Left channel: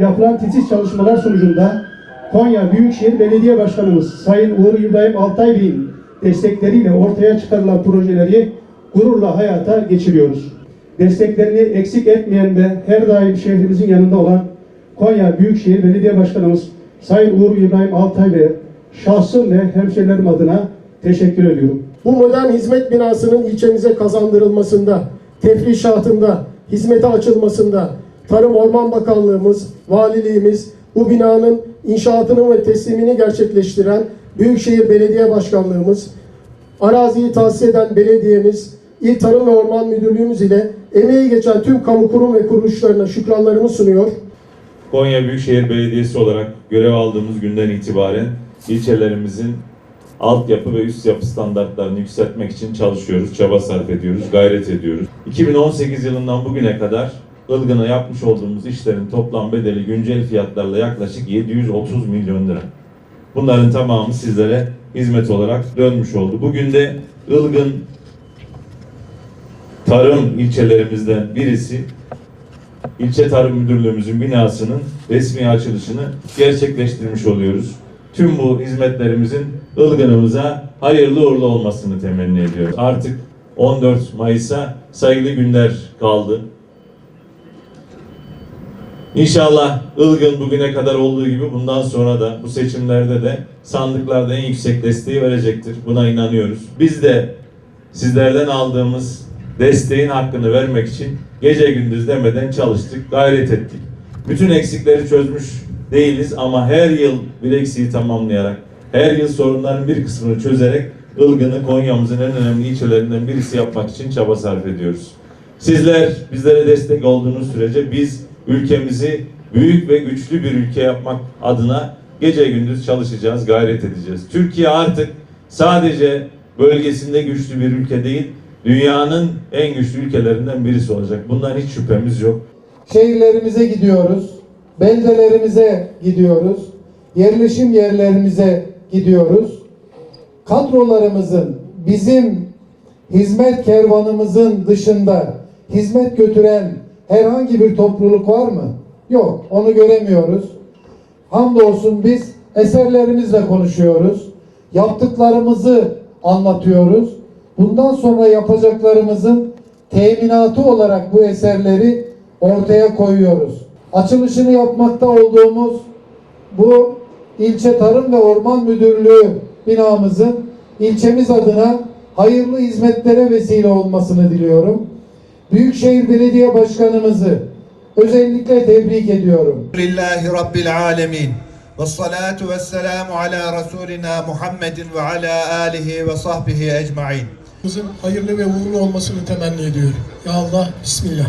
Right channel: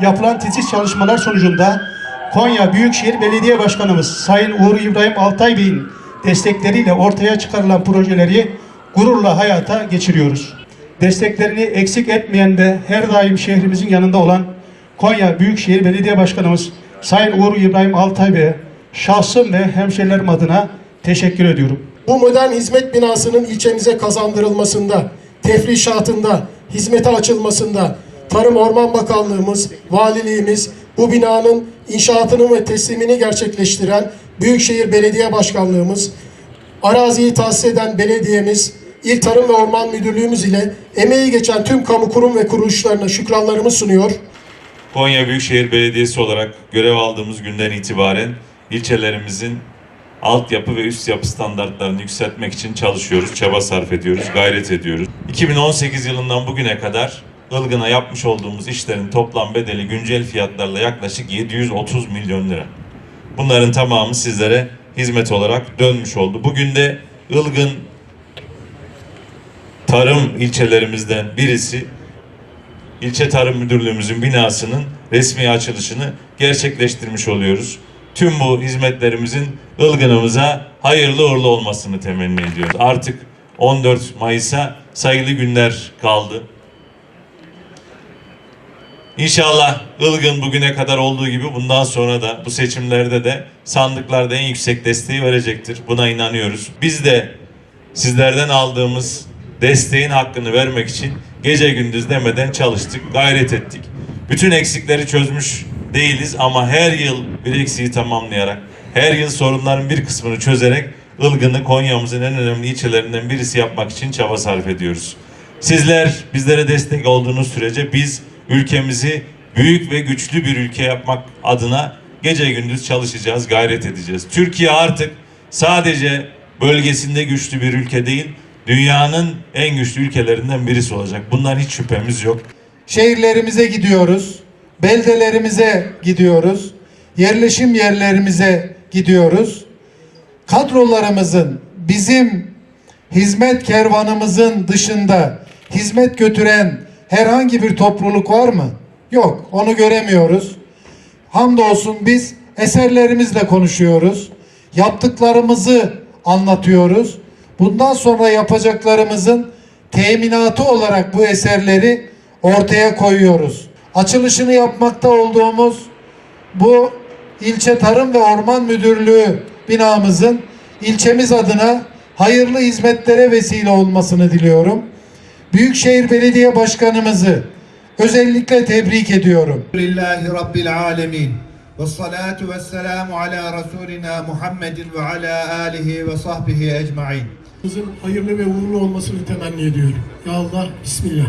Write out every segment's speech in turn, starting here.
Yapılan titiz çalışmalar sonucunda Konya Büyükşehir Belediye Başkanımız Sayın Uğur İbrahim Altay Bey'in destekleriyle ortaya çıkarılan projeleri gururla hayata geçiriyoruz. Desteklerini eksik etmeyen ve her daim şehrimizin yanında olan Konya Büyükşehir Belediye Başkanımız Sayın Uğur İbrahim Altay Bey'e şahsım ve hemşehrilerim adına teşekkür ediyorum. Bu modern hizmet binasının ilçemize kazandırılmasında, tefrişatında, hizmete açılmasında Tarım Orman Bakanlığımız, valiliğimiz bu binanın inşaatını ve teslimini gerçekleştiren Büyükşehir Belediye Başkanlığımız, araziyi tahsis eden belediyemiz, İl Tarım ve Orman Müdürlüğümüz ile emeği geçen tüm kamu kurum ve kuruluşlarına şükranlarımı sunuyor. Konya Büyükşehir Belediyesi olarak görev aldığımız günden itibaren ilçelerimizin altyapı ve üst yapı standartlarını yükseltmek için çalışıyoruz, çaba sarf ediyoruz, gayret ediyoruz. 2018 yılından bugüne kadar Ilgın'a yapmış olduğumuz işlerin toplam bedeli güncel fiyatlarla yaklaşık 730 milyon lira. Bunların tamamı sizlere hizmet olarak dönmüş oldu. Bugün de Ilgın tarım ilçelerimizden birisi İlçe Tarım Müdürlüğümüzün binasının resmi açılışını gerçekleştirmiş oluyoruz. Tüm bu hizmetlerimizin Ilgın'ımıza hayırlı uğurlu olmasını temenni ediyoruz. Artık 14 Mayıs'a sayılı günler kaldı. İnşallah Ilgın bugüne kadar olduğu gibi bundan sonra da bu seçimlerde de sandıklarda en yüksek desteği verecektir. Buna inanıyoruz. Biz de sizlerden aldığımız desteğin hakkını vermek için gece gündüz demeden çalıştık, gayret ettik. Bütün eksikleri çözmüş değiliz ama her yıl bir eksiği tamamlayarak, her yıl sorunların bir kısmını çözerek Ilgın'ı Konya'mızın en önemli ilçelerinden birisi yapmak için çaba sarf ediyoruz. Sizler bizlere destek olduğunuz sürece biz ülkemizi büyük ve güçlü bir ülke yapmak adına gece gündüz çalışacağız, gayret edeceğiz. Türkiye artık sadece bölgesinde güçlü bir ülke değil, dünyanın en güçlü ülkelerinden birisi olacak. Bundan hiç şüphemiz yok. şehirlerimize gidiyoruz, beldelerimize gidiyoruz, yerleşim yerlerimize gidiyoruz. Kadrolarımızın bizim hizmet kervanımızın dışında hizmet götüren herhangi bir topluluk var mı? Yok, onu göremiyoruz. Hamdolsun biz eserlerimizle konuşuyoruz. Yaptıklarımızı anlatıyoruz. Bundan sonra yapacaklarımızın teminatı olarak bu eserleri ortaya koyuyoruz. Açılışını yapmakta olduğumuz bu ilçe Tarım ve Orman Müdürlüğü binamızın ilçemiz adına hayırlı hizmetlere vesile olmasını diliyorum. Büyükşehir Belediye Başkanımızı özellikle tebrik ediyorum. Lillahi Rabbil Alemin. Ve salatu ve selamu ala Resulina Muhammedin ve ala alihi ve sahbihi ecmain. Kızın hayırlı ve uğurlu olmasını temenni ediyorum. Ya Allah, Bismillah.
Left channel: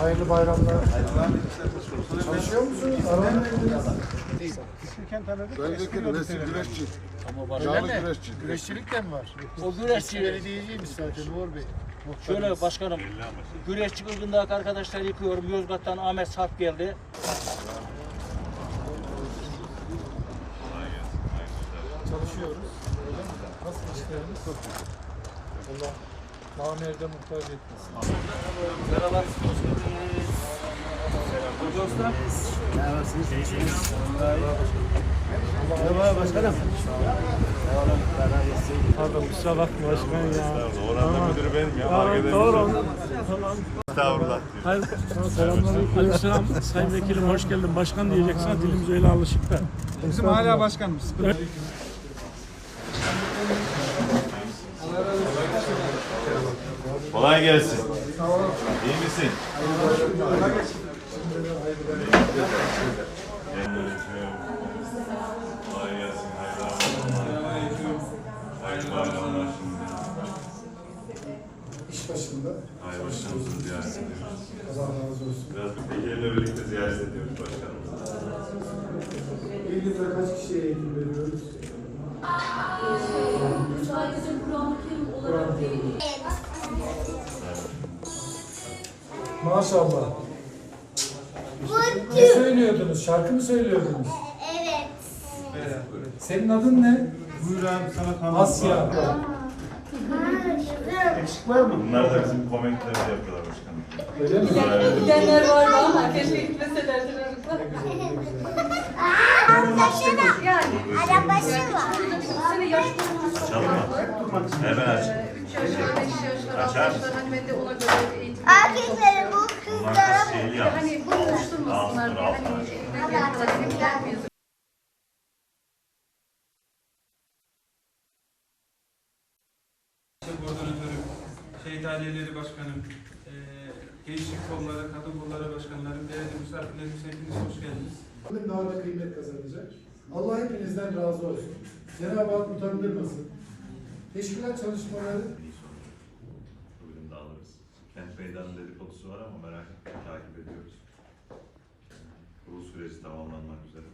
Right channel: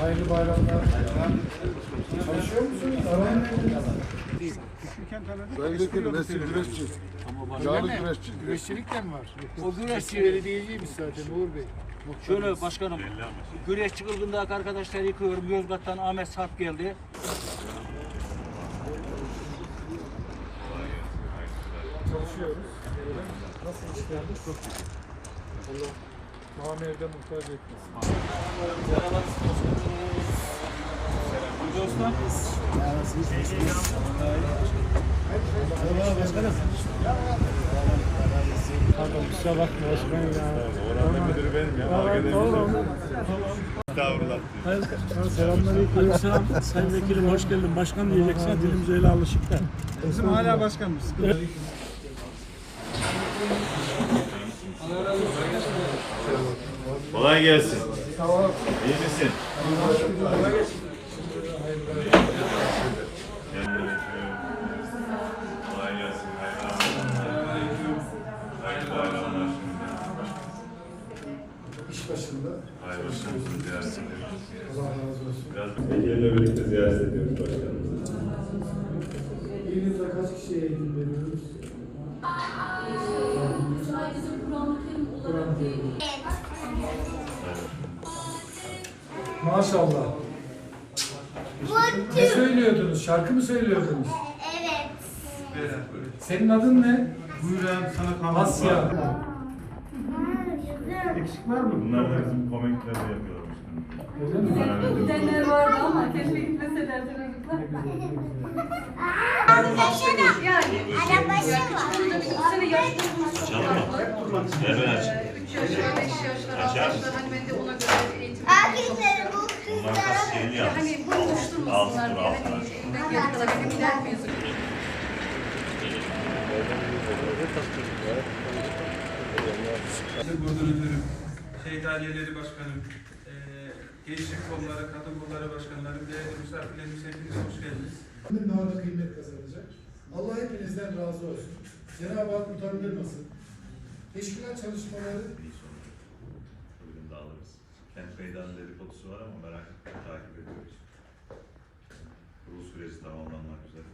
Hayırlı bayramlar. Çalışıyor musunuz? Aranın Güreşçilik mi var? O güreşçi belediyeciymiş zaten Uğur Bey. Şöyle başkanım, güreşçi kılgındaki arkadaşlar yıkıyorum. Yozgat'tan Ahmet Sarp geldi. Merhaba. Dostlar. Pardon kusura bakma başkan ya. Oranın müdürü benim ya. Tamam, doğru Tamam. Estağfurullah. Hayır, selamünaleyküm. Selam. Sayın Vekilim hoş geldin. Başkan diyeceksin. Dilimiz öyle alışık da. Bizim hala başkanımız. Kolay gelsin. İyi misin? Kolay gelsin. Hayırlı bayramlar. İş başında. Hayırlı başkanımızı ziyaret ediyoruz. Allah razı olsun. Biraz bir vekille birlikte ziyaret ediyoruz başkanımızı. Bir yılda kaç kişiye eğitim veriyoruz? Maşallah. Ne söylüyordunuz? Şarkı mı söylüyordunuz? Evet. Senin adın ne? Buyur abi sana kalın. Asya. Eksik var mı? Bunlar da bizim komikleri yapıyorlar başkanım. Öyle mi? Gidenler vardı ama keşke gitmeselerdi çocuklar. Yani. Arabaşı var. Sene yaş Açalım mı? Hemen aç. Açar. Erkekleri bu Bunlar kaç şeyi yalnız. Altı dur altı aç. Koordinatörüm, şehit aileleri başkanım, eee gençlik kolları, kadın kolları başkanlarım, değerli misafirlerimiz hepiniz hoş geldiniz. Daha da kıymet kazanacak. Allah hepinizden razı olsun. Cenab-ı Hak utandırmasın. Teşkilat çalışmaları. Kent meydanı dedikodusu var ama merak etme takip ediyoruz. Kurul süreci tamamlanmak üzere.